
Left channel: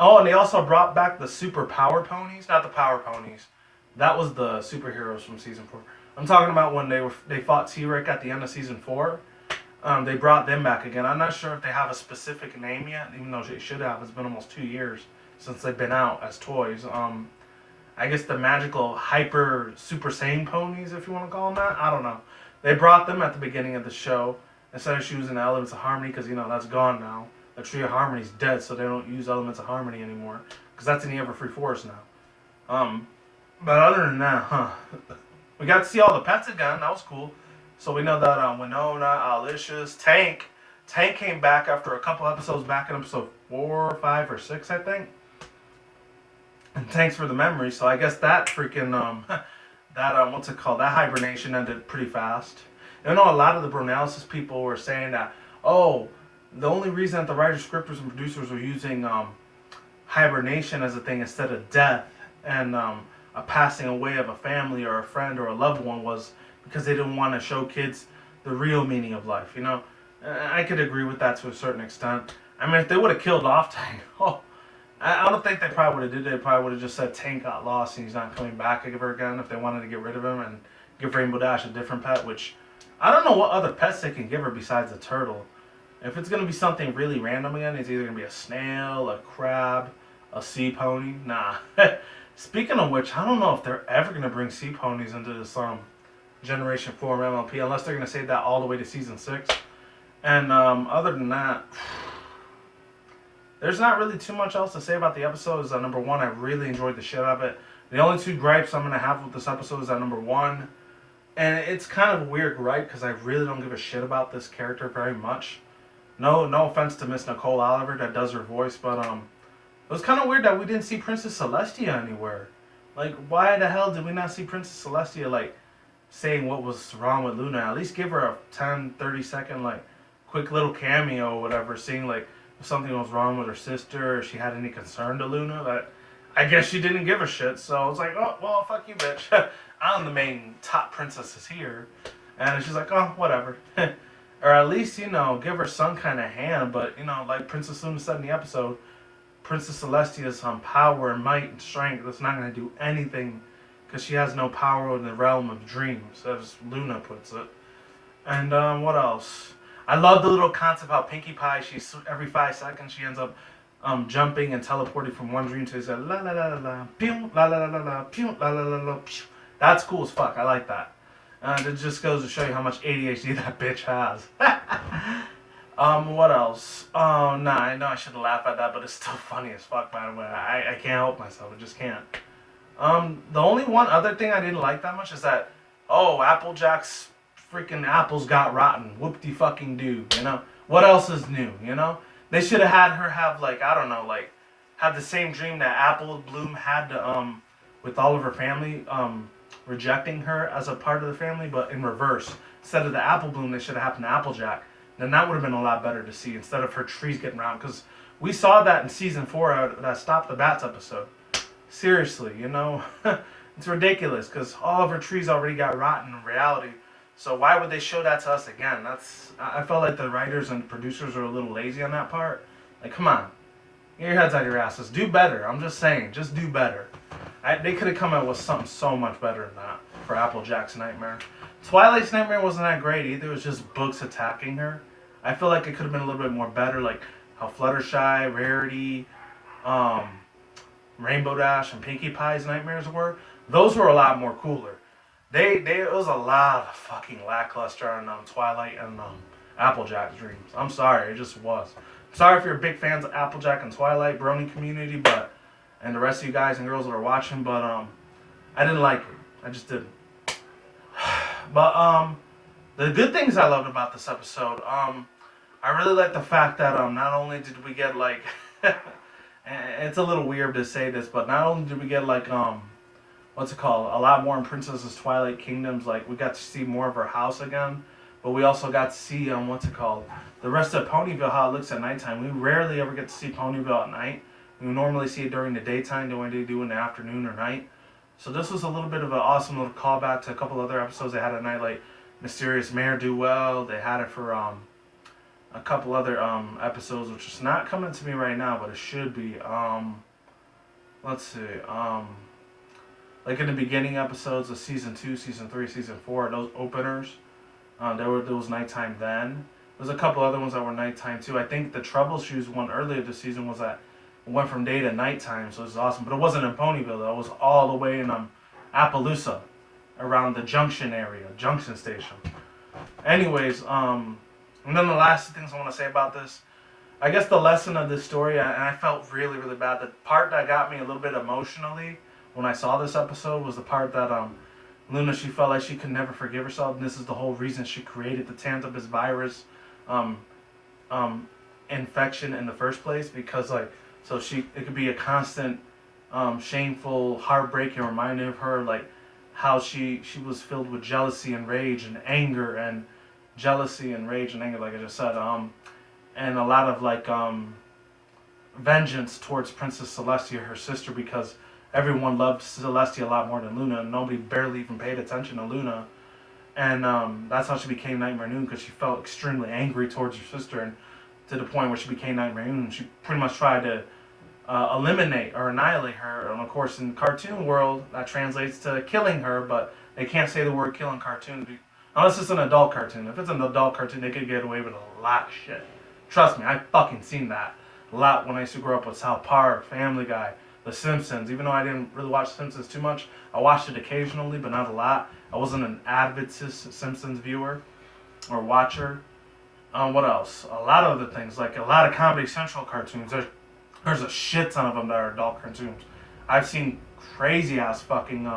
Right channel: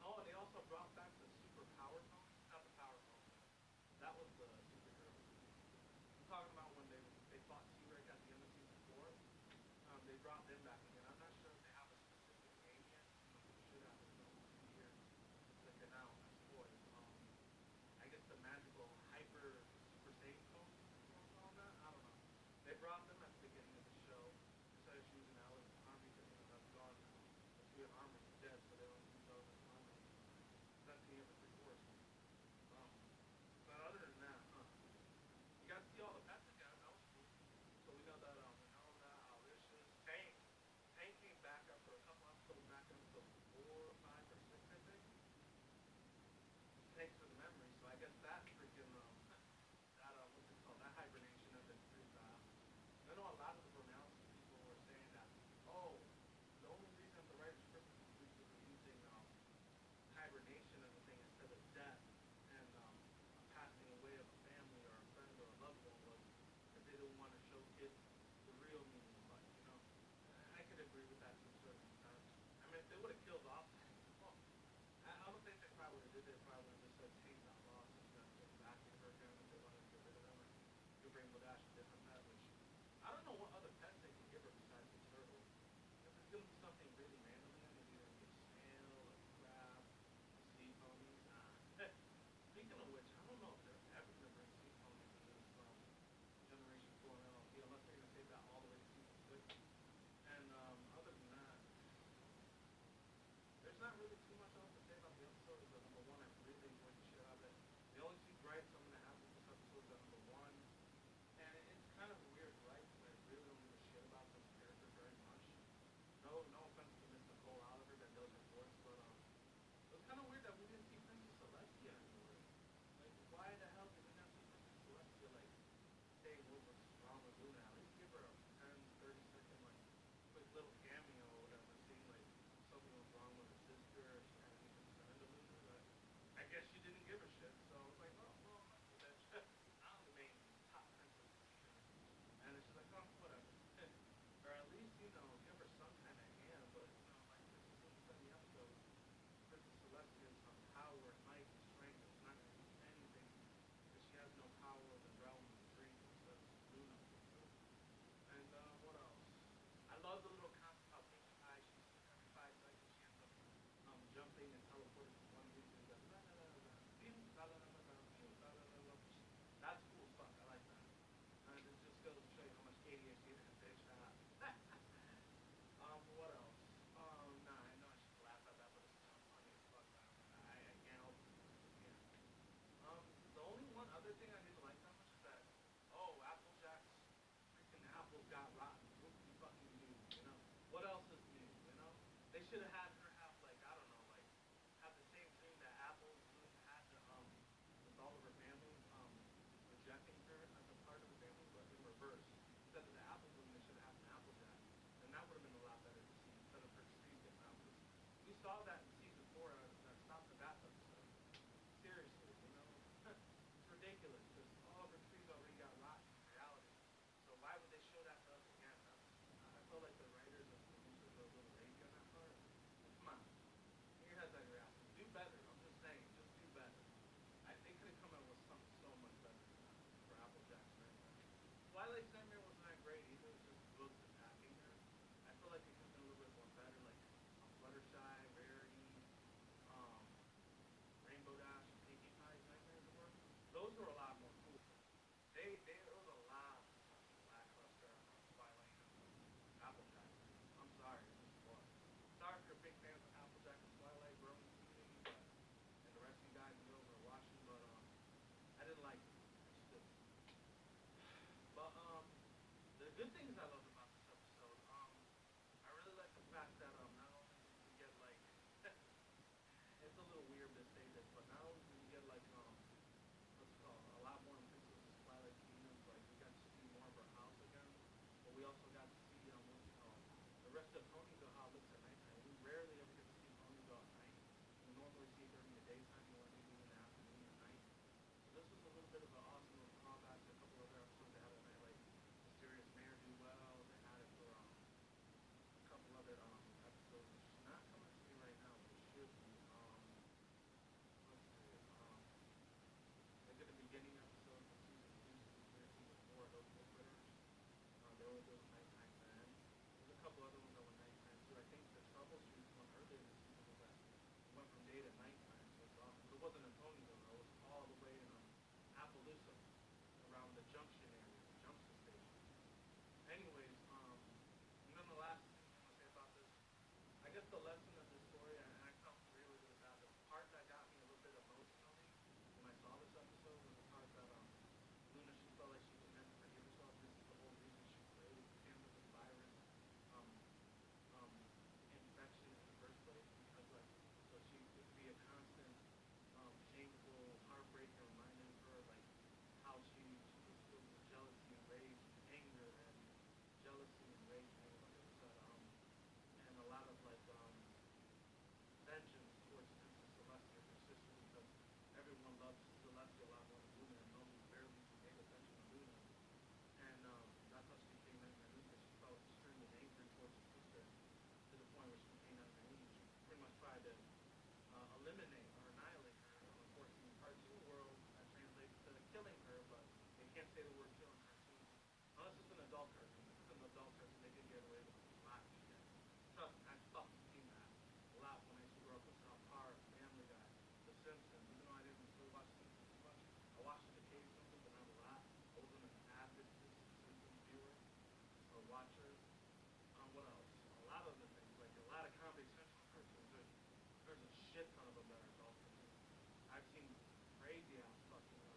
Oh, and they also brought back the super power ponies. Not the power ponies. That was the superheroes from season 4. I'm talking about when they fought T-Rex at the end of season 4. They brought them back again. I'm not sure if they have a specific name yet, even though they should have. It's been almost 2 years since they've been out as toys. I guess the magical hyper super saiyan ponies, if you want to call them that. I don't know. They brought them at the beginning of the show instead of using the Elements of Harmony, because you know that's gone now. The Tree of Harmony's dead, so they don't use Elements of Harmony anymore, because that's in the Everfree Forest now. But other than that, we got to see all the pets again. That was cool. So we know that Winona, Alicious, Tank came back after a couple episodes back in episode 4, 5, or 6, I think. And thanks for the memory. So I guess that freaking what's it called? That hibernation ended pretty fast. I know a lot of the Bronies people were saying that, oh, the only reason that the writers, scripters, and producers were using hibernation as a thing instead of death and a passing away of a family or a friend or a loved one was because they didn't want to show kids the real meaning of life, you know? I could agree with that to a certain extent. I mean, if they would have killed off Tank, I don't think they probably would have did it. They probably would have just said Tank got lost and he's not coming back ever again if they wanted to get rid of him and give Rainbow Dash a different pet, which I don't know what other pets they can give her besides a turtle. If it's going to be something really random again, it's either going to be a snail, a crab, a sea pony. Nah. Speaking of which, I don't know if they're ever going to bring sea ponies into this Generation 4 MLP, unless they're going to save that all the way to Season 6. And other than that, there's not really too much else to say about the episode. Is that number one, I really enjoyed the shit out of it. The only two gripes I'm going to have with this episode is that number one, and it's kind of a weird gripe because I really don't give a shit about this character very much. No offense to Miss Nicole Oliver that does her voice, but it was kind of weird that we didn't see Princess Celestia anywhere. Like, why the hell did we not see Princess Celestia, like, saying what was wrong with Luna? At least give her a 10, 30 second, like, quick little cameo or whatever, seeing, like, if something was wrong with her sister, or she had any concern to Luna. That I guess she didn't give a shit, so I was like, oh, well, fuck you, bitch. I'm the main top princess here. And she's like, oh, whatever. Or at least, you know, give her some kind of hand. But, you know, like Princess Luna said in the episode, Princess Celestia's power and might and strength that's not going to do anything because she has no power in the realm of dreams, as Luna puts it. And what else? I love the little concept how Pinkie Pie, she's every 5 seconds she ends up jumping and teleporting from one dream to the other. La la la la la, pew, la la la la la, pew, la la la la, pew. That's cool as fuck. I like that. It just goes to show you how much ADHD that bitch has. What else? Oh, nah, I know I should laugh at that, but it's still funny as fuck, by the way. I can't help myself. I just can't. The only one other thing I didn't like that much is that, oh, Applejack's freaking apples got rotten. Whoop-de-fucking-do, you know? What else is new, you know? They should have had her have, like, I don't know, like, have the same dream that Apple Bloom had to, with all of her family, rejecting her as a part of the family, but in reverse. Instead of the Apple Bloom, they should have happened to Applejack. Then that would have been a lot better to see instead of her trees getting round. Because we saw that in season 4, that Stop the Bats episode. Seriously, you know? It's ridiculous because all of her trees already got rotten in reality. So why would they show that to us again? I felt like the writers and producers are a little lazy on that part. Like, come on. Get your heads out of your asses. Do better. I'm just saying. Just do better. They could have come out with something so much better than that for Applejack's nightmare. Twilight's nightmare wasn't that great either. It was just books attacking her. I feel like it could have been a little bit more better, like how Fluttershy, Rarity, Rainbow Dash, and Pinkie Pie's nightmares were. Those were a lot more cooler. It was a lot of fucking lackluster on Twilight and Applejack's dreams. I'm sorry, it just was. I'm sorry if you're big fans of Applejack and Twilight, brony community, and the rest of you guys and girls that are watching, but I didn't like it. I just didn't. But the good things I loved about this episode, I really like the fact that not only did we get like, it's a little weird to say this, but not only did we get like what's it called, a lot more in Princess's Twilight Kingdoms, like we got to see more of her house again, but we also got to see what's it called, the rest of Ponyville, how it looks at nighttime. We rarely ever get to see Ponyville at night. We normally see it during the daytime, the way they do in the afternoon or night. So this was a little bit of an awesome little callback to a couple other episodes they had at night, like Mysterious Mare Do Well. They had it for a couple other episodes, which is not coming to me right now, but it should be. Let's see. Like in the beginning episodes of season 2, season 3, season 4, those openers, there was nighttime then. There's a couple other ones that were nighttime too. I think the Troubleshoes one earlier this season was that it went from day to nighttime, so it was awesome. But it wasn't in Ponyville though. It was all the way in Appaloosa, around the Junction area, Junction Station. Anyways, and then the last things I want to say about this, I guess the lesson of this story, and I felt really, really bad. The part that got me a little bit emotionally when I saw this episode was the part that Luna, she felt like she could never forgive herself, and this is the whole reason she created the Tantabus virus infection in the first place, because like, so it could be a constant shameful, heartbreaking reminder of her, like how she was filled with jealousy and rage and anger and jealousy and rage and anger, like I just said, and a lot of like vengeance towards Princess Celestia, her sister, because everyone loved Celestia a lot more than Luna, and nobody barely even paid attention to Luna. And that's how she became Nightmare Noon, because she felt extremely angry towards her sister, and to the point where she became Nightmare Noon. She pretty much tried to eliminate or annihilate her. And of course, in the cartoon world, that translates to killing her, but they can't say the word kill in cartoons unless it's an adult cartoon. If it's an adult cartoon, they could get away with a lot of shit. Trust me, I fucking seen that a lot when I used to grow up with South Park, Family Guy, The Simpsons. Even though I didn't really watch Simpsons too much, I watched it occasionally, but not a lot. I wasn't an avid Simpsons viewer or watcher. What else? A lot of other things, like a lot of Comedy Central cartoons. There's a shit ton of them that are adult cartoons. I've seen crazy ass fucking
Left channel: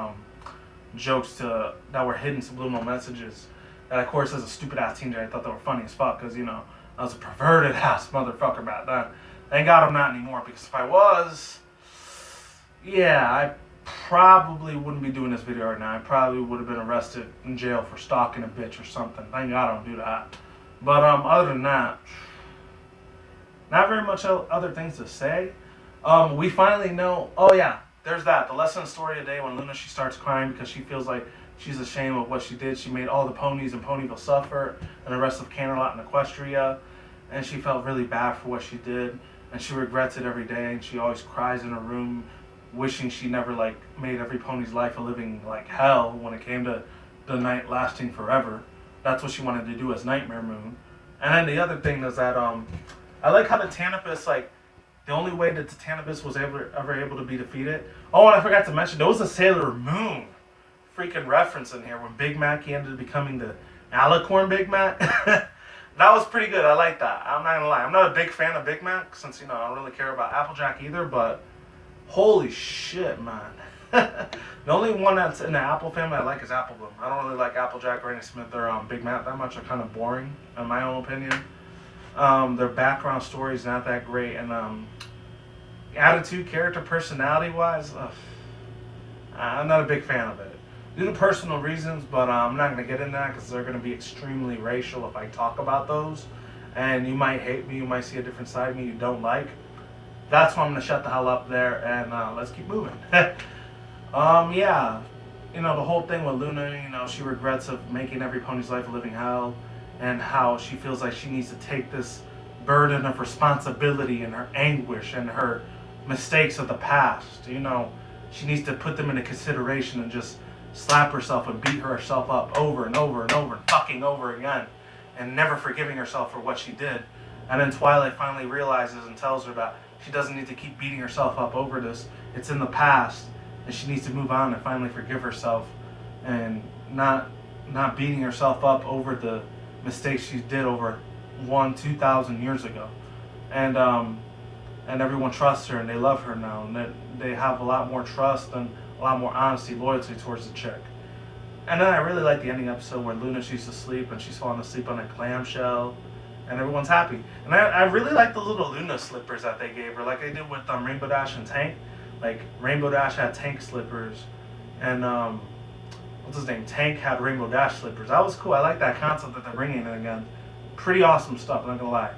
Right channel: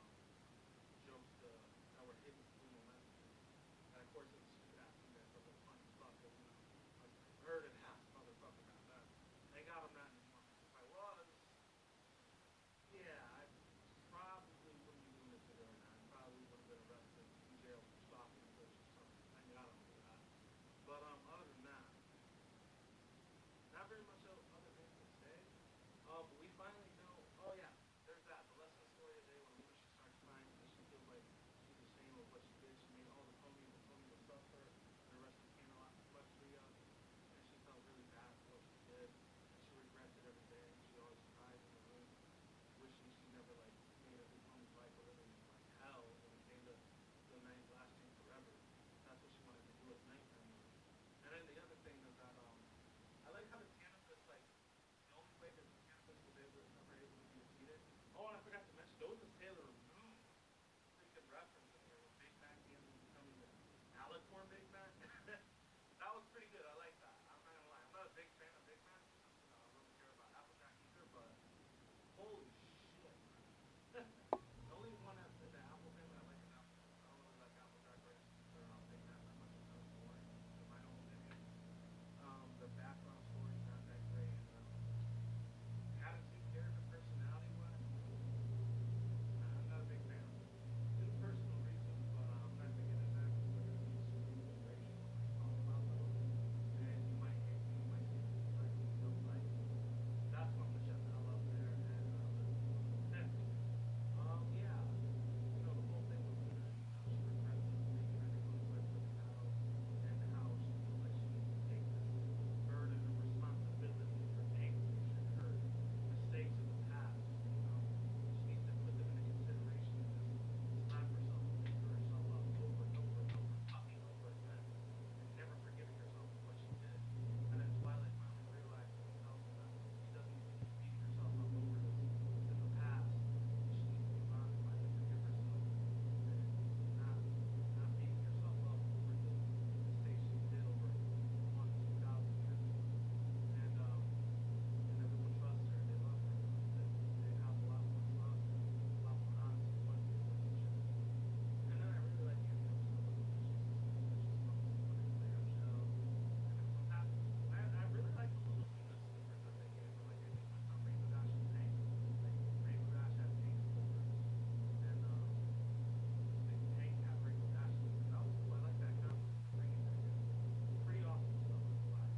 jokes that were hidden subliminal messages. That, of course, as a stupid ass teenager, I thought they were funny as fuck, because you know I was a perverted ass motherfucker back then. Thank God I'm not anymore, because if I was, yeah, I probably wouldn't be doing this video right now. I probably would have been arrested in jail for stalking a bitch or something. Thank God I don't do that. But other than that, not very much other things to say. We finally know. Oh yeah, there's that. The lesson of the story today, when Luna, she starts crying because she feels like she's ashamed of what she did. She made all the ponies in Ponyville suffer and the rest of Canterlot and Equestria. And she felt really bad for what she did. And she regrets it every day. And she always cries in her room, wishing she never, like, made every pony's life a living, like, hell when it came to the night lasting forever. That's what she wanted to do as Nightmare Moon. And then the other thing is that, I like how the Tanibus, like, the only way that the Tanibus was ever able to be defeated. Oh, and I forgot to mention, there was a Sailor Moon freaking reference in here when Big Mac, he ended up becoming the Alicorn Big Mac. That was pretty good. I like that. I'm not gonna lie. I'm not a big fan of Big Mac since, you know, I don't really care about Applejack either, but holy shit, man. The only one that's in the Apple family I like is Apple Bloom. I don't really like Applejack, Granny Smith, or Big Mac that much. They're kind of boring, in my own opinion. Their background story is not that great, and attitude, character, personality-wise, I'm not a big fan of it. Due to personal reasons, but I'm not going to get into that because they're going to be extremely racial if I talk about those. And you might hate me, you might see a different side of me you don't like. That's why I'm going to shut the hell up there and let's keep moving. Yeah, you know, the whole thing with Luna, you know, she regrets of making every pony's life a living hell, and how she feels like she needs to take this burden of responsibility and her anguish and her mistakes of the past. You know, she needs to put them into consideration and just slap herself and beat herself up over and over and over and fucking over again, and never forgiving herself for what she did. And then Twilight finally realizes and tells her that she doesn't need to keep beating herself up over this. It's in the past, and she needs to move on and finally forgive herself, and not beating herself up over the mistakes she did over 2,000 years ago. And everyone trusts her and they love her now, and they have a lot more trust and a lot more honesty, loyalty towards the chick. And then I really like the ending episode where Luna, she's asleep and she's falling asleep on a clamshell, and everyone's happy. And I really like the little Luna slippers that they gave her, like they did with Rainbow Dash and Tank. Like Rainbow Dash had Tank slippers, and what's his name? Tank had Rainbow Dash slippers. That was cool. I like that concept that they're bringing in again. Pretty awesome stuff, I'm not gonna lie.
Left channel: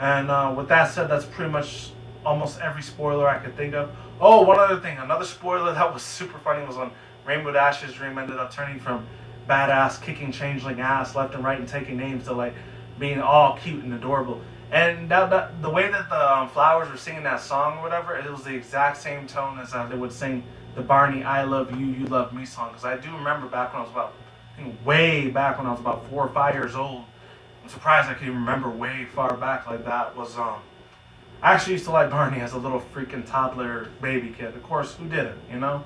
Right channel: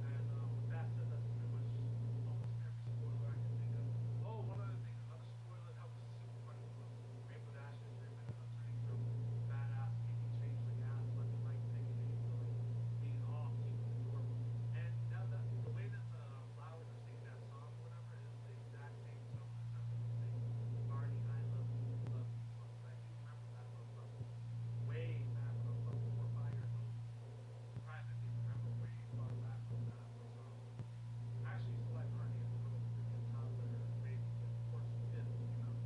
And with that said, that's pretty much almost every spoiler I could think of. Oh, one other thing. Another spoiler that was super funny was when Rainbow Dash's dream ended up turning from badass, kicking changeling ass left and right and taking names to, like, being all cute and adorable. And the way that the flowers were singing that song or whatever, it was the exact same tone as they would sing the Barney I Love You, You Love Me song. Because I do remember back when I was about, I think way back when I was about 4 or 5 years old. I'm surprised I could even remember way far back like that. Was I actually used to like Barney as a little freaking toddler baby kid. Of course, who didn't, you know?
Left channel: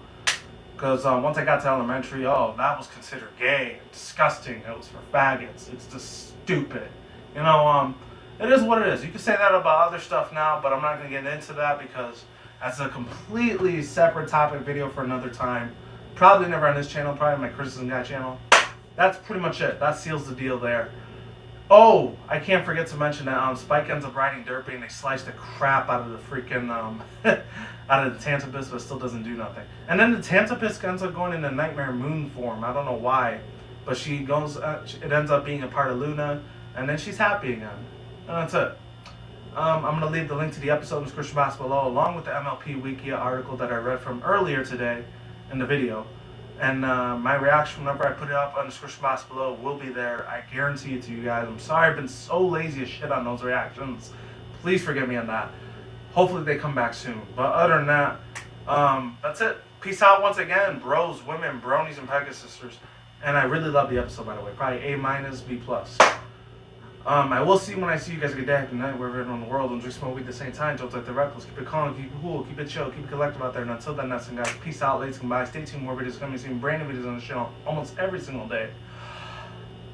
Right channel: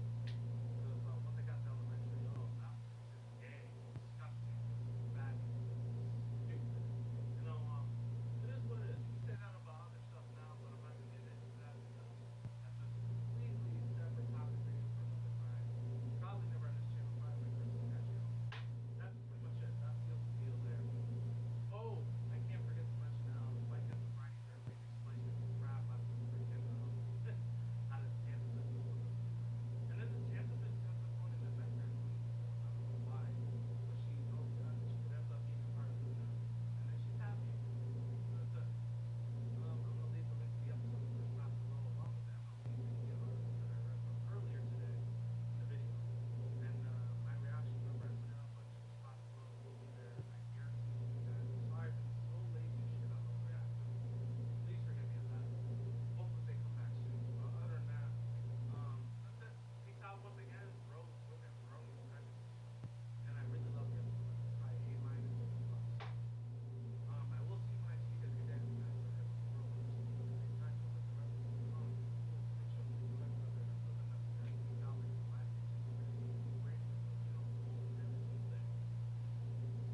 Because once I got to elementary, that was considered gay, disgusting. It was for faggots. It's just stupid. You know, it is what it is. You can say that about other stuff now, but I'm not going to get into that because that's a completely separate topic video for another time. Probably never on this channel, probably my Criticism Guy channel. That's pretty much it. That seals the deal there. Oh, I can't forget to mention that Spike ends up riding Derpy and they slice the crap out of the freaking, out of the Tanibus, but still doesn't do nothing. And then the Tanibus ends up going into Nightmare Moon form. I don't know why, but she goes, it ends up being a part of Luna, and then she's happy again. And that's it. I'm going to leave the link to the episode in the description box below, along with the MLP Wikia article that I read from earlier today in the video. And my reaction whenever I put it up on the description box below will be there. I guarantee it to you guys. I'm sorry I've been so lazy as shit on those reactions. Please forgive me on that. Hopefully they come back soon. But other than that, that's it. Peace out once again, bros, women, bronies, and pegasisters. And I really love the episode, by the way. Probably A-, B+. I will see when I see you guys. Good day, good night, wherever you're in the world. Don't drink, smoke weed at the same time. Don't take the reckless. Keep it calm, keep it cool, keep it chill, keep it collective out there. And until then, that's it, guys. Peace out, ladies. Goodbye. Stay tuned. More videos coming soon. Brand new videos on the channel almost every single day.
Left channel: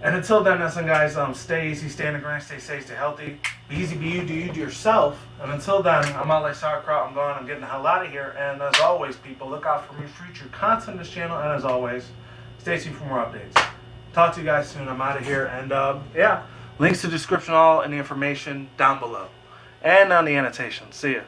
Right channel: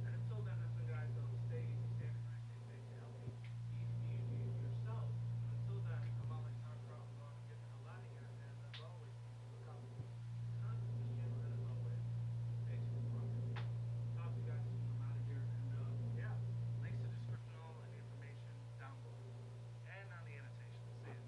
And until then, that's it, guys. Stay easy, stay in the grind, stay safe, stay healthy. Be easy, be you, do you, do yourself. And until then, I'm out like sauerkraut. I'm gone. I'm getting the hell out of here. And as always, people, look out for me future content on this channel. And as always, stay tuned for more updates. Talk to you guys soon. I'm out of here. And yeah. Links to the description, all and the information down below. And on the annotation. See ya.